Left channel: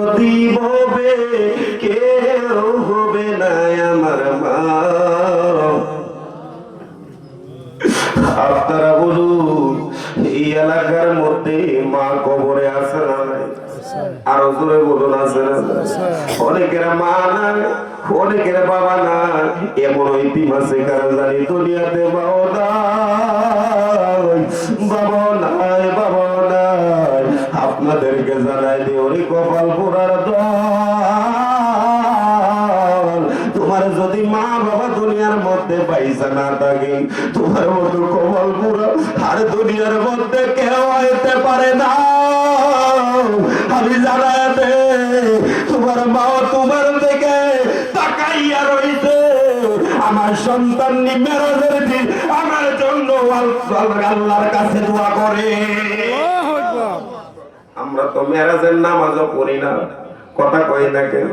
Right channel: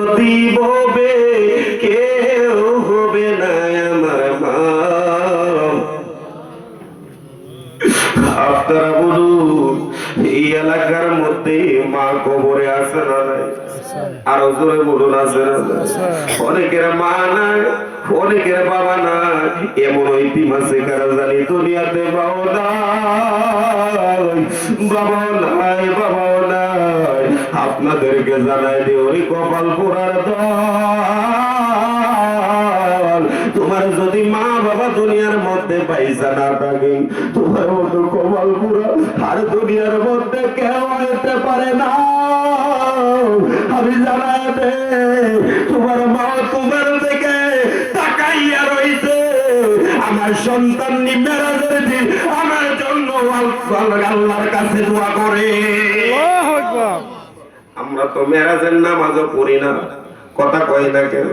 হবে কেউ হবে না আমার মা। আপনারা বলুন এই এলাকার মধ্যে মা কবরে আছে না নাই? আরো জোরে বলুন আছে না? অনেকের মা নাই, অনেকের বাবা নাই, এমন ইতিম আছে কারা জানি দুনিয়াতে বাবা নাই, বাবাও নাই, বাবাও নাই। আপনাদেরকে জানাই দিই ওই কপাল পোড়ার দল, তোমার যদি মা বাবা দুনিয়ার মধ্যে পয়সা না থাকে, তোমার মতো কপাল পোড়া আর দুনিয়ার মধ্যে কেউ হতে পারে না। আমি জানাই দে তোমার মা তোমার থেকে তাকাইয়া রইছে, আমার সন্তান মেরাজের দিন আমার জন্য আল্লাহর কাছে দোয়া করে। আমরা তো মেরাজের নামাজও পড়ি না, কথা কই না কেন?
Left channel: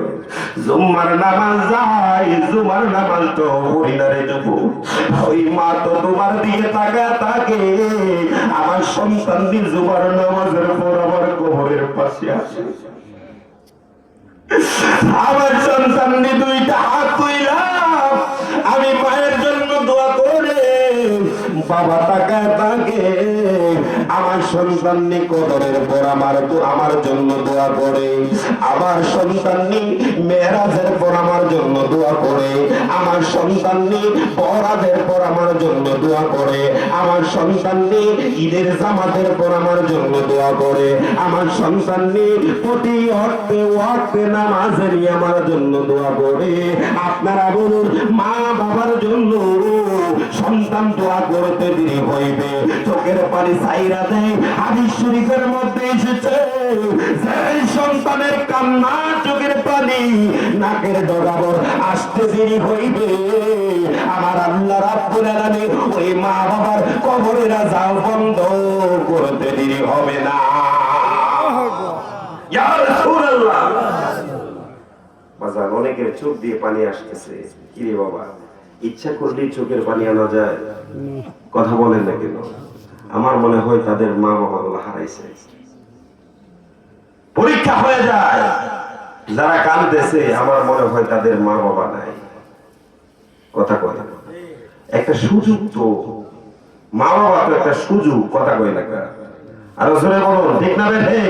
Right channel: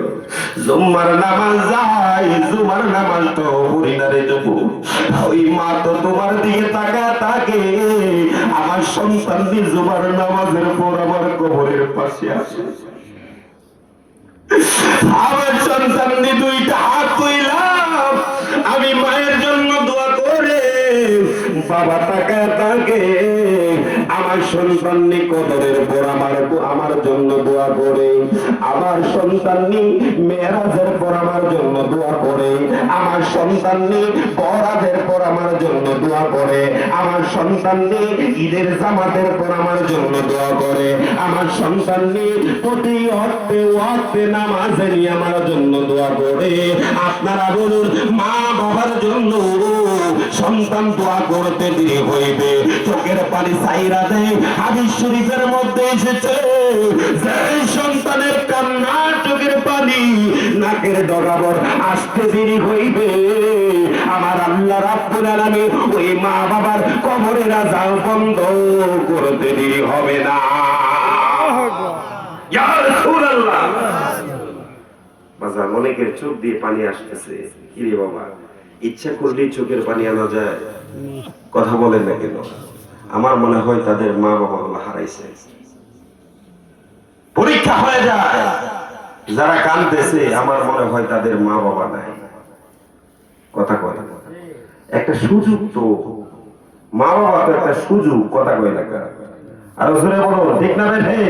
জুম্মার নামাজ যাই, জুমার নামাজ তো পড়ি না রে যুবু। ওই মা তো তোমার দিকে তাকা থাকে, আমার সন্তান জুমার নামাজের পর আমার কবরের পাশে আসে, আমার সন্তান দুইটা হাত তুইলাম, আমি মায়ের জন্য দোয়া করে, বাবা তাকায় তাকে, আমার সন্তান কবরের পর আমার জন্য দোয়া করে, আমার সন্তান মেরাজের পর আমার জন্য দোয়া করে, আমার সন্তান বরাতের পর আমার জন্য দোয়া করে, আমার সন্তান ঈদের জামাতের পর আমার জন্য দোয়া করে, আমার সন্তান প্রতি ওয়াক্তে নামাজে নিয়ে আমার জন্য দোয়া করে। আপনারা বলুন মা বাবার জন্য সন্তান দোয়া করতে দেরি হইবে, চোখের পানি সাইরা দেয়। হাদিস শরীফের মধ্যে এসেছে সন্তানের কান্না চোখের পানি নাকের ডগাবর আসতে দেরি হইবে, আমার আল্লাহ রাব্বুল আলামিন ওই মা বাবার কবরের আযাব বন্ধ করতে দেরি হবে না। ইয়া রাসূলুল্লাহ। বাজার অনেকের চোখ দিয়ে পানি আসতেছে, কি রে বাবা, ইচ্ছা করলেই চোখের পানি আনা যায়? কথা বলেন না কেন? আমার মনে হয় তাদের মা বাবা গুলো হারাইছে। পরীক্ষা হয়ে যায়, যারা কাঁদতেছে আমার মনে হয় তাদের মা বাবা নাই। কথা কয় একটা সুযোগ, তো মা বাবা তো একটা সুযোগ, কথা কয় না? আর জোরে বলো ঠিক না বেঠে?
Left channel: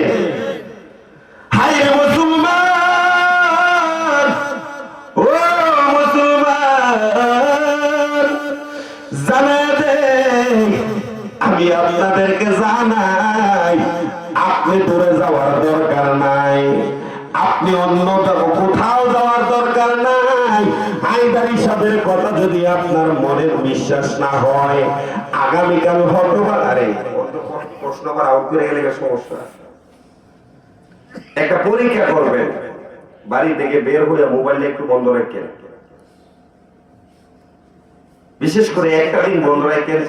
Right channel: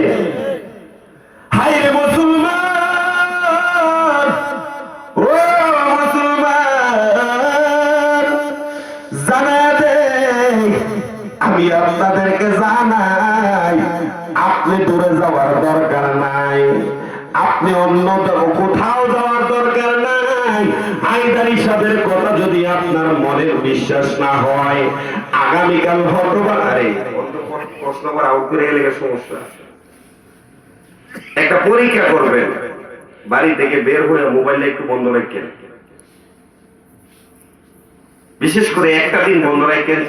হাই রে মুসলমান, ও মুসলমান, জানা দে, আমি আপনাদেরকে জানাই, আপনি দূরে যাওয়ার দরকার নাই, আপনি অন্য কোথাও যাওয়ার দরকার নাই। আইদার হিসাবের কথা যদি আপনার মনে বিশ্বাস না হয়, আগামীকাল হয়তোবা, আরে প্রশ্ন আবার আউট করে গেলে সমস্যা। একটা পরীক্ষা করবেন, বাড়ি থেকে বের হয়ে মোবাইলটা একটু বন্ধ রাখেন, বিশেষ করে একটা দিন বন্ধ রাখেন।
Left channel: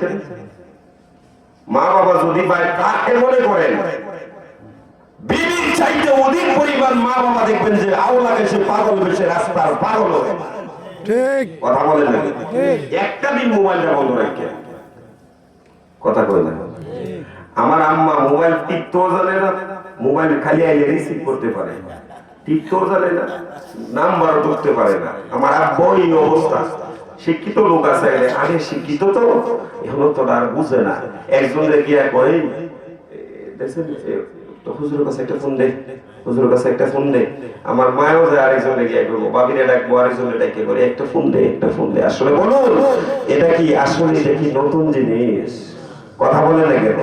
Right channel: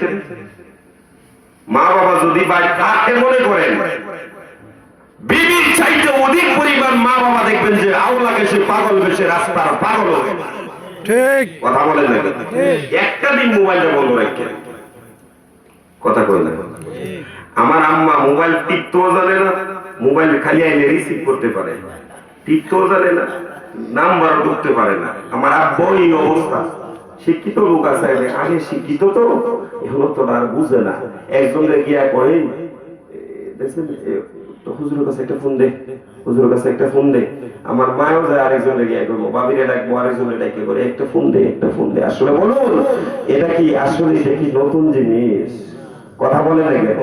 মা বাবা যদি বাড়ি থাকতে মনে করেন, বিবির চাইতে অধিক পরিমাণ মা বাবা দেখবেন যে আওলা বেশে পাগল বেশে রাস্তার পাগল হয়ে। ঠিক কথা বলেন না? একটা দিন মোবাইলটা বন্ধ রাখেন, কথা কই না? আমার আম্মা মোবাইল টিপতেও জানে না, মোবাইল খালি আইলে রিসিভ করতে পারে, টিপতেও জানে না, নাম্বারও ঢুকতে পারে না। আমার আব্বা এই অবস্থা। শিক্ষিত লোক আছে, আগে শিক্ষিত তো, এগুলো তো আর বুঝে না। একজনের গিয়া করে দেখছেন তো, হুজুরের কাছে একটা ফোন দে, হুজুরের কাছে একটা ফোন দে। আমার মায়ও যায় আরেকজনের গিয়া করবো, বাবিরে ডাকবো, আরেকজনের ডাকে বলে একটা ফোন দে, একটা ফোন দে। আসলে বলুন এটা কি আসলে দেখি নতুন জিনিস? কথা বলে না কেন?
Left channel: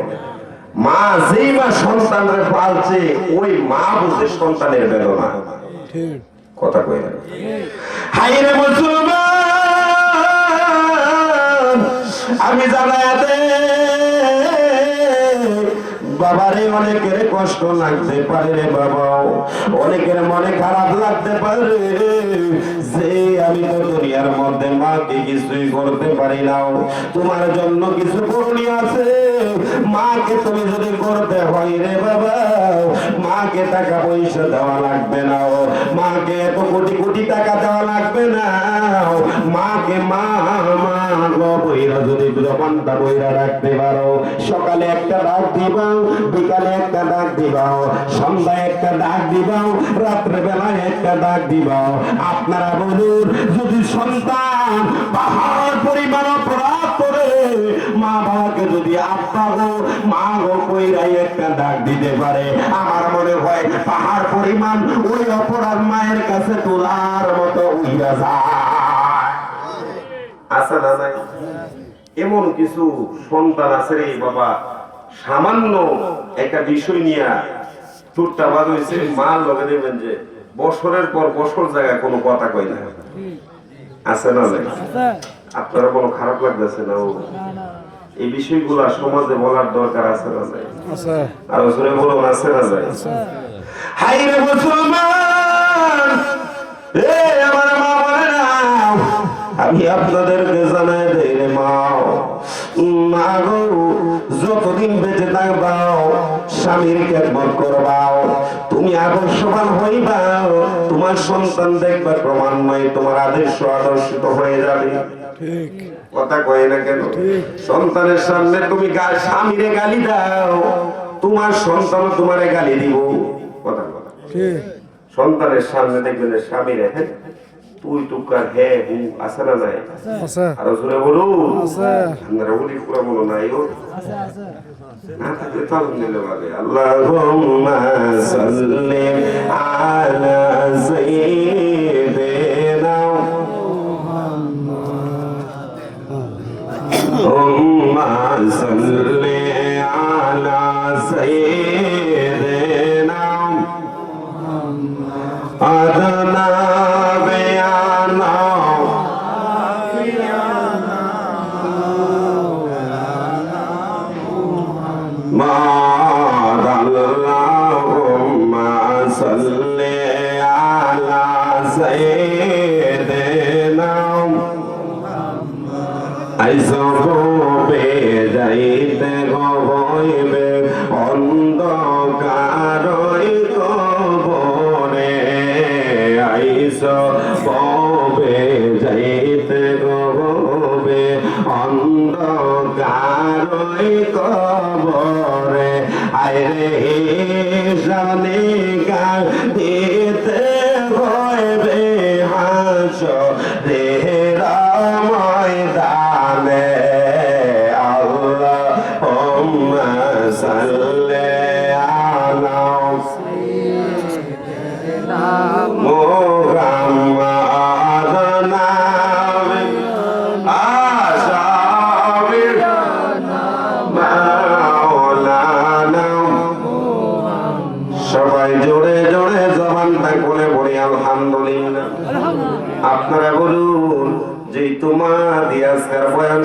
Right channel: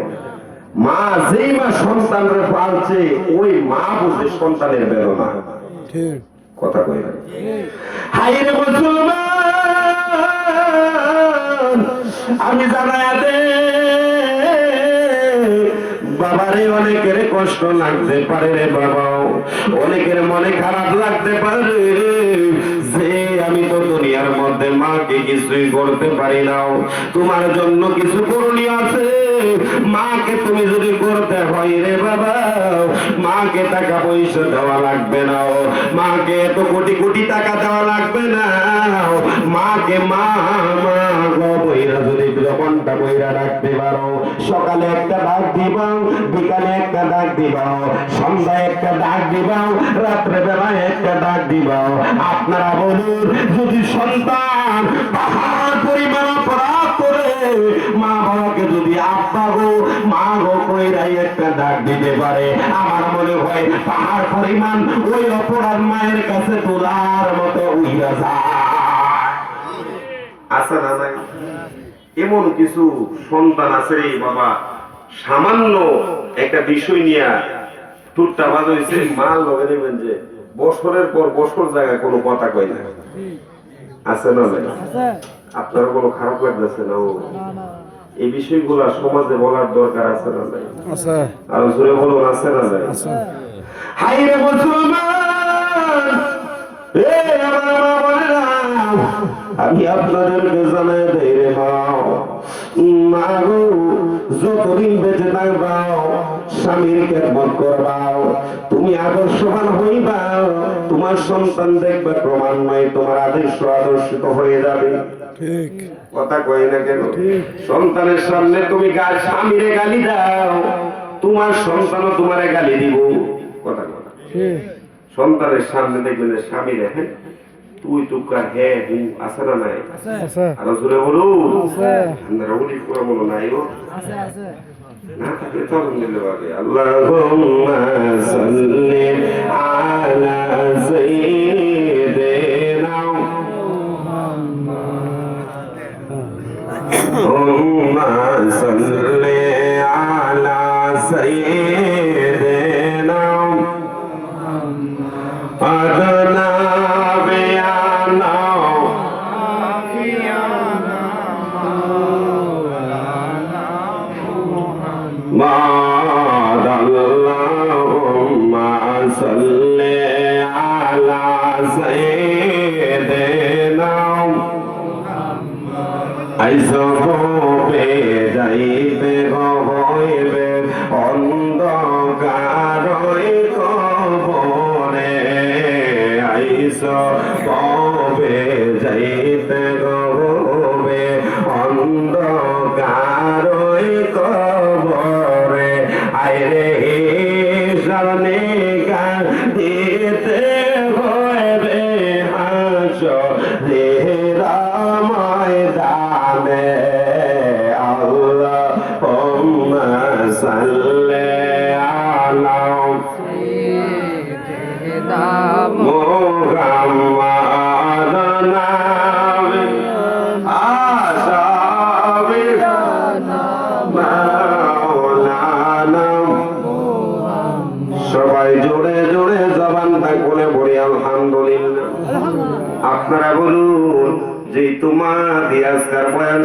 মা যেই মা সন্তানের পালছে, ওই মা বুঝে সন্তানের বেদনা। কথা কই না? হাই রে মুসলমান, আমি জানাই দে বাবারে, অনেকের কষ্ট লাগতে পারে রে বাবাও, অনেকের মনে খারাপ লাগতে পারে যে আমি তো দুনিয়ার মধ্যে মাকে কিছুই করতে পারি না। তোমার জন্য কিছু করণীয় আছে, মাকে তুমি যদি করতে হয় রে বাবা, মাকে টাকা পয়সা দেওয়া লাগবে না, মাকে এত কোটি কোটি টাকা দেওয়া লাগবে না, মাকে মা মা বইরা যদি জবানটা বইরা রাখতে পারো, সকালে একটা ডাক দিবাও, বিকালে একটা ডাক দিবাও, সন্ধ্যায় একটা ডাক দিবাও, রাত্রে বেলায় একটা ডাক দিবাও। আপনারা বলুন, যদি সন্তান পাহাড় পরিমাণ অপরাধ করে মা বাবাকে যদি আব্বা গো মা গো কইরাই একটা ডাক দিতে পারে, আমার মনে হয় পাহাড় পরিমাণ ওই অপরাধ মায়ের কাছে তোলার মতো উইয়া যায়। আছে না নাই? এমন কিছু সন্তান আছে রে বাবা, সামান্য একটা বিষয় নিয়ে টুটটা বাদ হয়েছে, মা লগে দেখবেন যে বছরের পর বছর জায়গায় কোনো কথা কয় না। আছে না নাই? আপনারা কোনো খারাপ লাগতেছে না? এই বিষয়গুলো সমাজে বলার দরকার আছে না নাই? আর জোরে বলুন, আছে না নাই? হাই রে মুসলমান, এ আমার মা বলে না, আমি আপনাদেরকে জানাই দেই রে মা, মা গো যতদিন বেঁচে থাকবাও স্বামীর খেদমত করবাও, তুমি আদর্শবান হইবাও, তোমার সন্তান দেখবা ক্রমান্বয়ে তোমার আদর্শিত হয়ে যাবে। ঠিক কথা কয় না কেন? সন্তানের সামনে তুমি স্বামীরে গালি দাও, তোমার সন্তানও তোমারে গালি দিব। কথা ঠিক। সন্তানের সামনে দেখবেন স্বামীরে তুই তুকার হে হু, আছে না নাই? আরো জোরে বলুন, আপনারা উনি করে বলো নাই? আছে আছে না থাকলে চালু নিলে পাবে। আল্লাহুম্মা সাল্লি আলা সাইয়্যিদিনা আল্লাহুম্মা সাল্লি আলা সাইয়্যিদিনা আদনা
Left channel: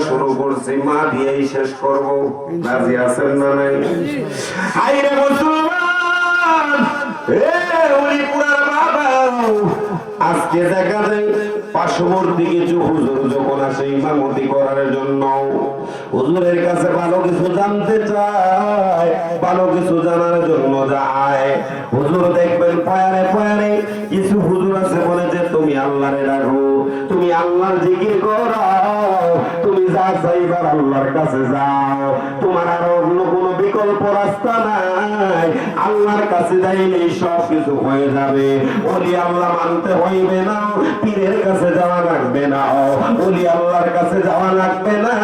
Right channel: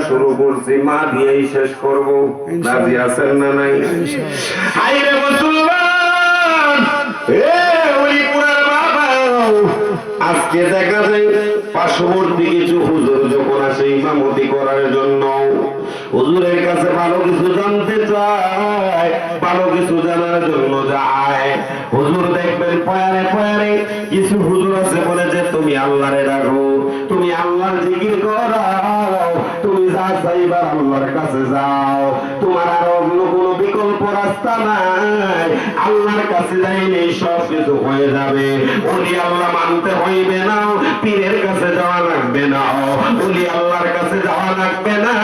শুরু করছি, মা দিয়েই শেষ করবো। রাজি আছেন না নাই? আইরে মুসলমান, ওই পুরার বাবা, আজকে দেখা যায় পার্শ্ববর্তী কিছু হুজুর যখন আসে ইমামতি করার জন্য, হুজুরের কাছে ভালো কিছু জানতে চায়, ভালো কিছু জানার জন্য যায়। হুজুর দেখবেন পয়ারে পয়ারে কিছু হুজুর আছে বলে যে তুমি আল্লাহরে ডাকো, তুমি আল্লাহর জিকির করো, তুমি যা চাইবার আল্লাহর কাছে যাও, তোমার আর অন্য কোনো বিকল্প রাস্তা নাই, আল্লাহর কাছে যাইলে সব কিছু হয়ে যাবে। ওলি আল্লাহ মানতে হইবে না, পীরের কাছে যাওয়া লাগবে না, ওলি আল্লাহর কাছে যাওয়া লাগবে না।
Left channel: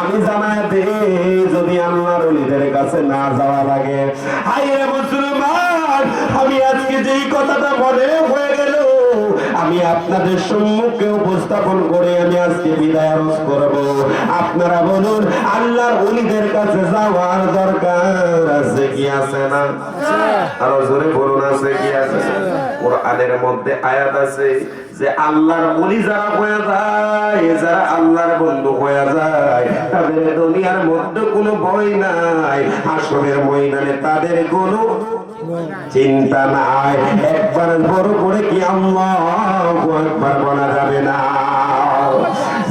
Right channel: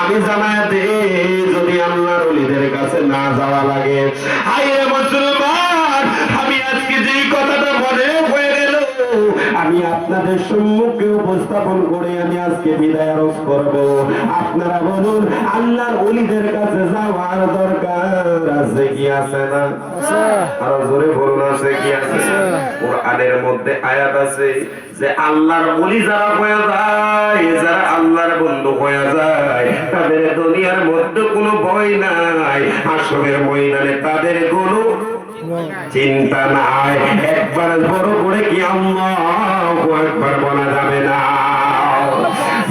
আমি জানাই দে, যদি আল্লাহর ওলিদের কাছে না যাওয়া লাগে। হায় মুসলমান, আমি আজকে যেই কথাটা মনে হয়ে গেল, আমি আপনাদের সম্মুখে উপস্থাপন করে আমি আজকে বিদায় আরজ করব। আপনারা বলুন, আল্লাহর ওলিদের কাছে যাওয়ার দরকার আছে কি আছে না? আরো জোরে বলুন, আছে কি আছে? কোরআনের মধ্যে আয়াত আছে যে আল্লাহর ওলি যারা হয়ে যায়, যারা আল্লাহর বন্ধু হয়ে যায়, তাদের দুনিয়ার মধ্যে কোনো ভয় নাই, হাসরের ময়দানে তাদের কোনো চিন্তা নাই। একবার বড় করে কি আল্লাহু আকবার বলা যাবে না?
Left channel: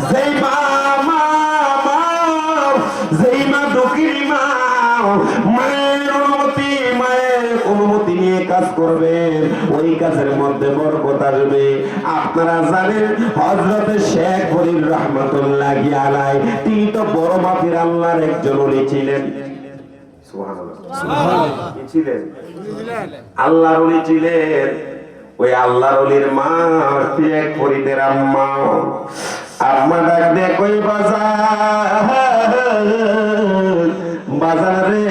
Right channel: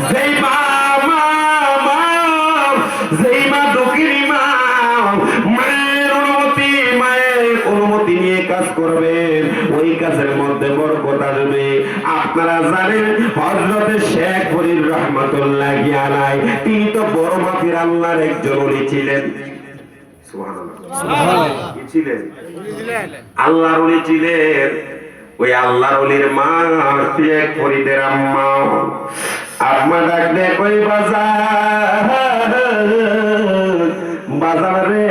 যেই মা দক্ষিণী মা, মায়ের অনুমতি নিয়ে কাজ করবে, করেন ওই কাজের মধ্যে বরকত আসবে। আপনারা জানেন হযরতে শেখ ফরিদ রহমাতুল্লাহ আলাইহি তিনি তো বড় মাপের আল্লাহর একজন ওলি ছিলেন। সুবহানাল্লাহ, কি ছিলেন? আল্লাহর ওলি ছিলেন। ওই আল্লাহর ওলির মা শেখ ফরিদের আম্মা ডাক দে কই বাজার রে,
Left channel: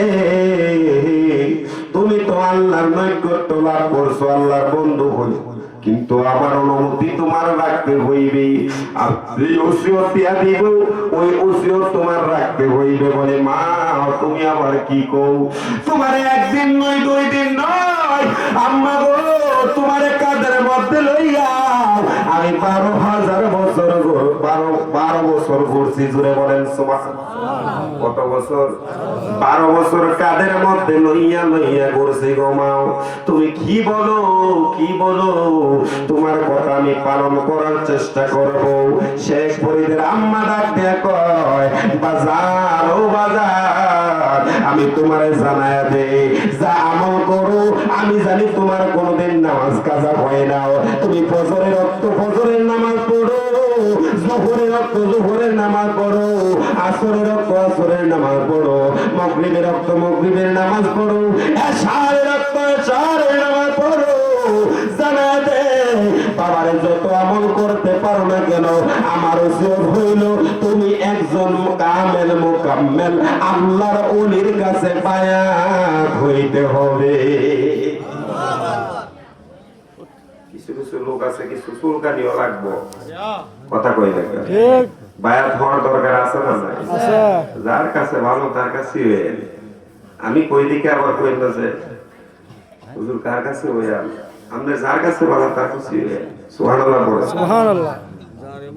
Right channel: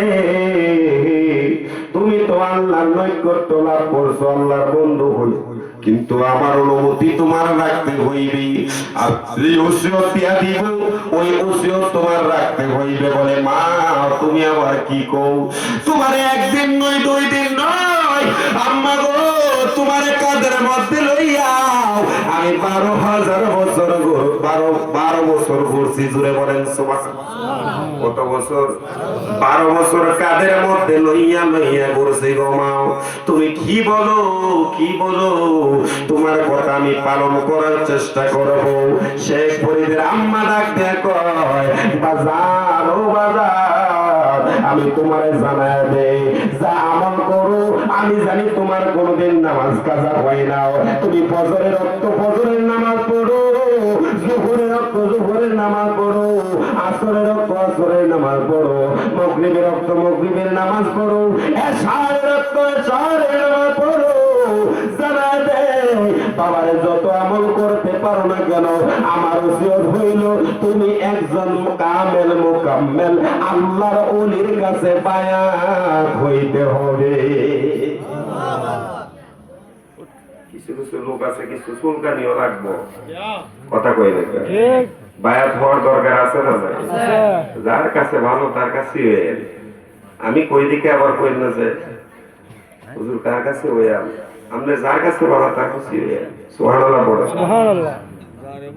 তুমি তো আল্লাহর নৈকট্য লাভ করছো, আল্লাহর বন্ধু হই, কিন্তু আমার অনুমতি তোমার রাখতে হইবে। আর এই ওসিয়ত দিয়া দিব, ওই ওসিয়ত তোমার রাখতে হইবে। বলে মা তুমি আবার কি কও? তোমার একদিন নয় 2 দিন নয় আম্মা গো, তোমার কাঁধের মধ্যে লইয়া আমি 12,000 বছর 12 বছর ঘুরছি। জুড়ে বলেন সুবহানাল্লাহ। কত বছর? 12 বছর কাঁধের মধ্যে লইয়া লইয়া ঘুরছি গো মা। তুমি কি বলো, কি বলো? তোমার কথা আমি পালন করার চেষ্টা করব। শেখ ফরিদের আম্মা ডাক দিয়ে কয় বাজার ও বাজার, আমি তোমারে জানায় দেই যা আমল করো, আমি জানি তোমার কোনদিন নামাজ কাজা হয় না। তুমি ফজরের রক্ত ফজরের নামাজ পড়ো, জোহরের রক্ত জোহরের নামাজ পড়ো, আসরের রক্ত আসরের নামাজ পড়ো, মাগরিবের রক্ত মাগরিবের নামাজ পড়ো, এশারের রক্ত এশারের নামাজ পড়ো। জানায় দে বাবারে যত আমল করতে পারো না কেন, আমার ওসিয়ত হইল তুমি একজন কামেল মুকাম্মেল আল্লাহর ওলির কাছে বায়াত হইতে হবে। কিছু কিছু লোক আছে কিছু চুলকানিও লাগবো, কথা কই না ঠিক? বায়াত হওয়ার দরকার আছে না নাই? যার কাছে ভালো তার কাছে আমি কই দিকে আবার কই না যে হুজুর কার কাছে হইয়া আমরা যার কাছে ভালো তার কাছে সুবহানাল্লাহ বলে। সুবহানাল্লাহ।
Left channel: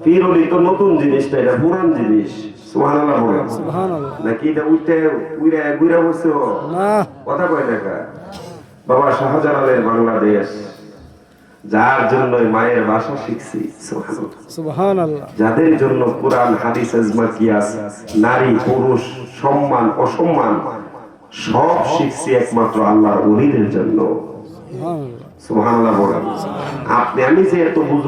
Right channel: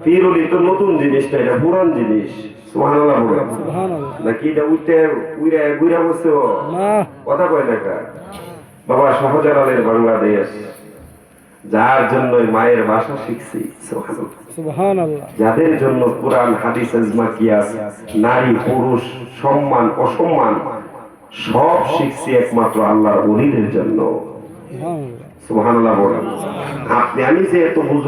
পীর ওলি তো নতুন জিনিসটা, এটা পুরান জিনিস। সুবহানাল্লাহ বলে। সুবহানাল্লাহ। নাকি এটা উইরা গুইরা বসে না, কথা কয় না কা? বাবা শাহজালালের বাংলাদেশ, যার জন্য মায়ের ভাষা শিখছি। সুবহানাল্লাহ। যাদের জন্য কুরআন হাদিস ইজমা কিয়াস নারী পুরুষ সম্মান অসম্মান সব শিখছি একমাত্র আল্লাহর ওলিদের জন্য। সুবহানাল্লাহ। সুবহানাল্লাহ বলেন। আপনি আমি যে এত বুঝুন